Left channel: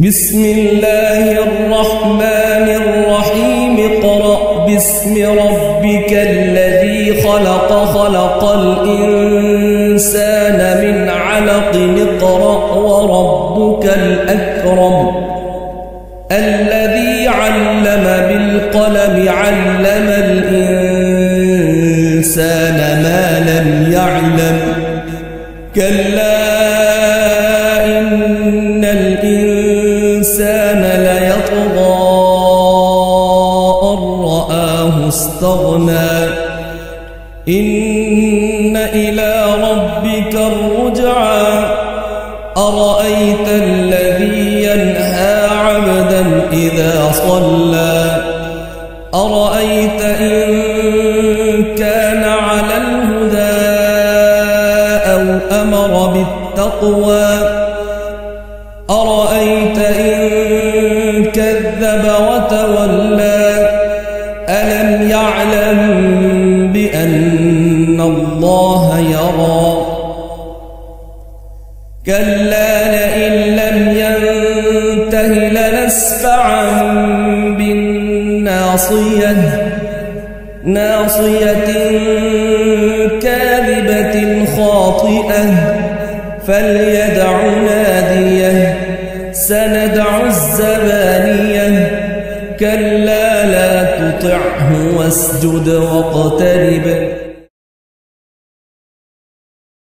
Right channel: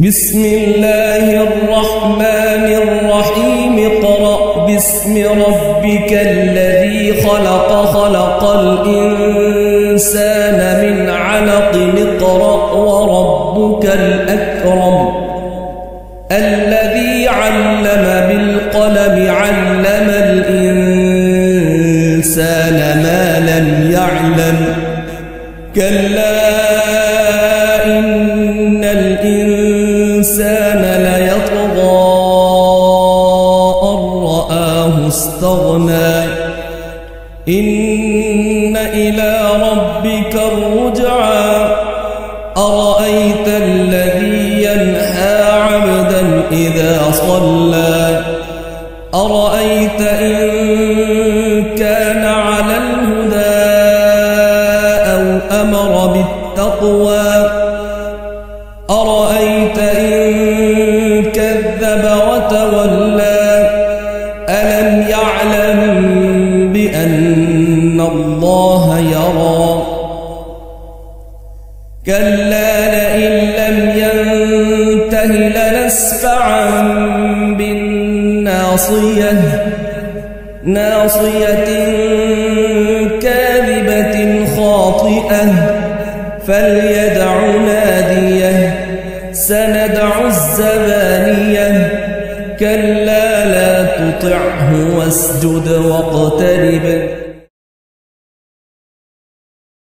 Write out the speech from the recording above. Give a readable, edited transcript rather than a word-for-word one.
بسم الله الرحمن الرحيم اقرأ باسم ربك الذي خلق خلق الإنسان من علق اقرأ وربك الأكرم الذي علم بالقلم علم الإنسان ما لم يعلم كلا إن الإنسان ليطغى أن رآه استغنى إن إلى ربك الرجعى أرأيت الذي ينهى عبدا إذا صلى أرأيت إن كان على الهدى أو أمر بالتقوى أرأيت إن كذب وتولى ألم يعلم بأن الله يرى كلا لئن لم ينته لنسفعا بالناصية ناصية كاذبة خاطئة فليدع ناديه سندع الزبانية كلا لا تطعه واسجد واقترب